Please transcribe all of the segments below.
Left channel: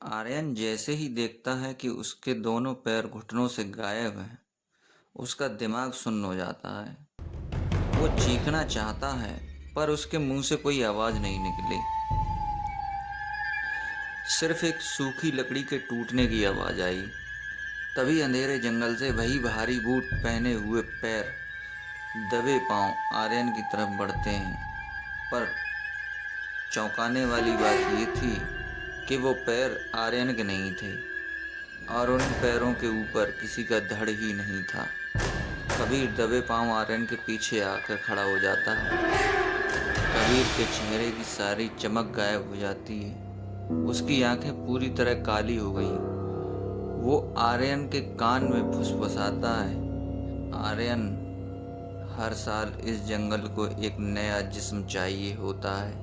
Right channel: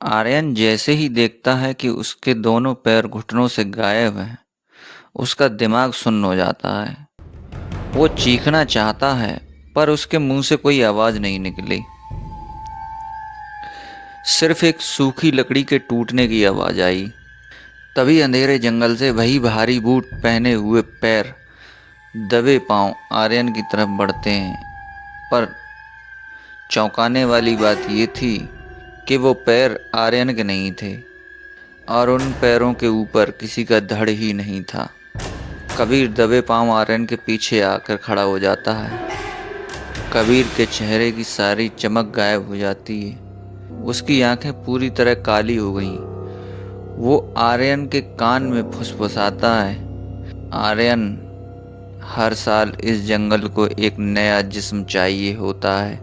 आर्यन जैसे ही देखता है कि उसके दोनों पैर घुटनों से गायब हैं, उसका दिमाग सुन्न हो जाता है। वो चीखना चाहता है, पर उसके मुंह से कोई आवाज नहीं निकली। सिर्फ एक सूखी लकड़ी के टूटने की आवाज आई। तभी अंधेरे जंगल से वही भारी बूट पहने हुए पैर दबे पांव आर्यन की तरफ बढ़ते हैं। पर चौंकाने वाली बात ये थी कि वो पैर आर्यन के नहीं थे और उन पैरों के ऊपर किसी का धड़ ही नहीं था। कबीर दबे पांव आर्यन के पीछे आकर खड़ा हो जाता है। कबीर के चेहरे की सारी चमक गायब हो जाती है। उसकी आंखें पूरी तरह काली हो गईं। वो आर्यन के कान में फुसफुसाता है, आर्यन, हर साल इस जंगल को एक नया जिस्म चाहिए होता है।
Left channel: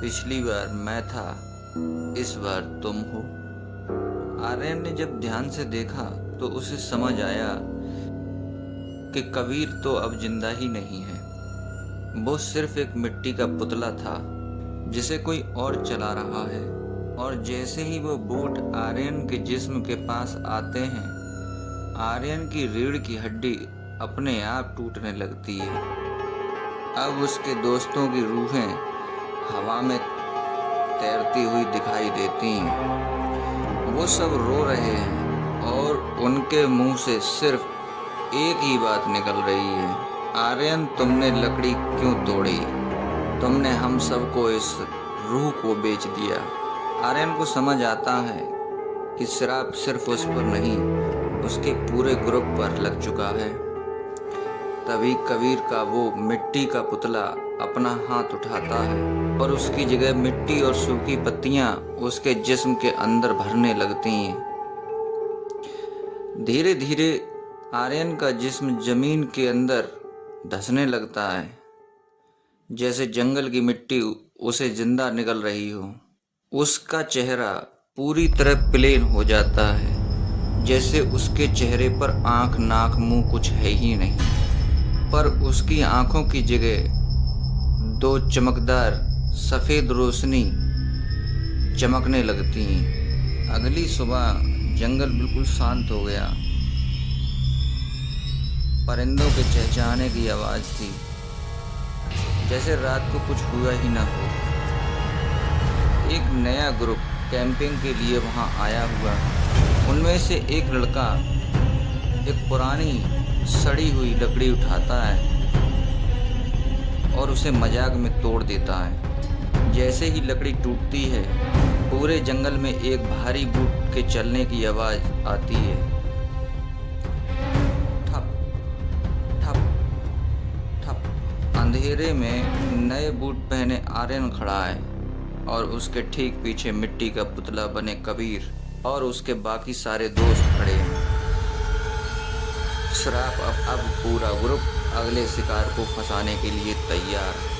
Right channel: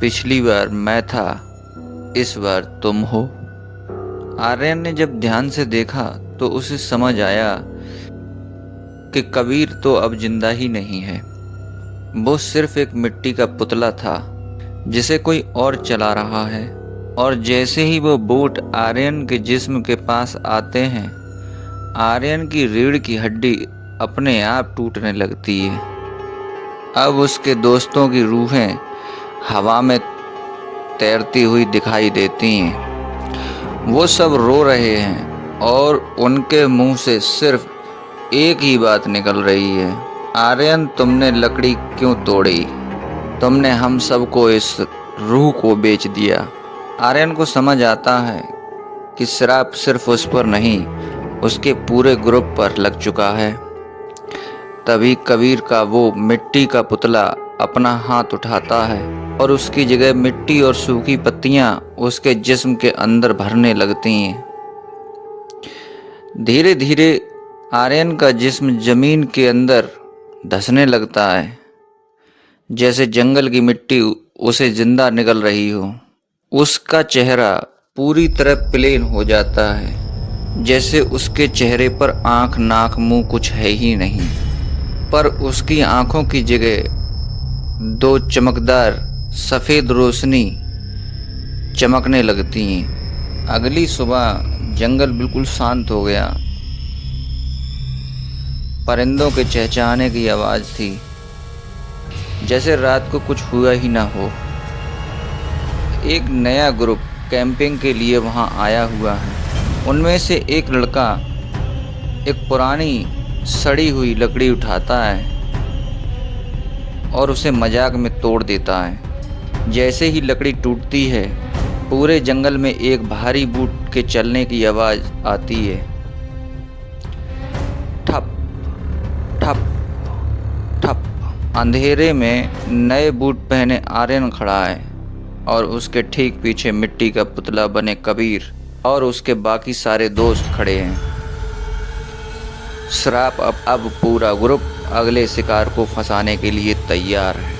पिछली बार मैं था, इस बार तुम हो। आर्यन ने जब ध्यान से देखा तो उसे समझ आया कि कबीर तो अब जिंदा ही नहीं है। वो सिर्फ एक मिट्टी का पुतला था जिसे कोई और चला रहा है। और जैसे ही वो बूट आर्यन के जिस्म के पास आते हैं, आर्यन की रीढ़ की हड्डी अपने आप टूटने लगती है। अब उसके दोस्तों की रूहें हवा में तैरती हुई दिखाई देती हैं। वो सब रो रहे हैं और उनके मुंह से सिर्फ एक ही बात निकल रही है, आर्यन, तुमने लकड़ी क्यों तोड़ी? तुमने हम सबको इस रूह को बेच दिया। आर्यन को समझ आता है कि श्राप सिर्फ उस पर नहीं, उसके पूरे ग्रुप पर लग चुका है। तभी कबीर का वो मिट्टी का पुतला अपना हाथ उठाता है और उसकी जगह मिट्टी और सूखी पत्तियां उसके जिस्म के अंदर भरने लगती हैं। धीरे धीरे आर्यन का जिस्म जमीन के अंदर धंसने लगता है, जैसे जंगल की मिट्टी उसे जिंदा निगल रही हो। उसका चेहरा पूरी तरह प्लेन हो जाता है, जैसे उसके चेहरे पर आंख, नाक, मुंह कुछ है ही नहीं। पर उसकी आंखों की जगह दो चमकदार सफेद रोशनी चमकने लगती हैं। अगली सुबह जंगल बिल्कुल शांत हो गया। परिंदों के चहचहाने की आवाज थी, जैसे रात को कुछ हुआ ही ना हो। एक नया ग्रुप कैंपिंग के लिए वहां आया हुआ है। उनमें से एक लड़का एक पुरानी सड़ी हुई लकड़ी उठाता है और उसे मजाक में तोड़ देता है। जैसे ही लकड़ी टूटती है, पूरे जंगल में एक भारी बूट के चलने की आवाज आती है। ठप ठप ठप। अंधेरे में नए बूट पहने आर्यन खड़ा है और उसके ठीक पीछे मिट्टी का पुतला बने कबीर और उसके बाकी सारे दोस्त खड़े हैं। श्राप अब पूरा ग्रुप अगले शिकार को फंसाने के लिए तैयार है।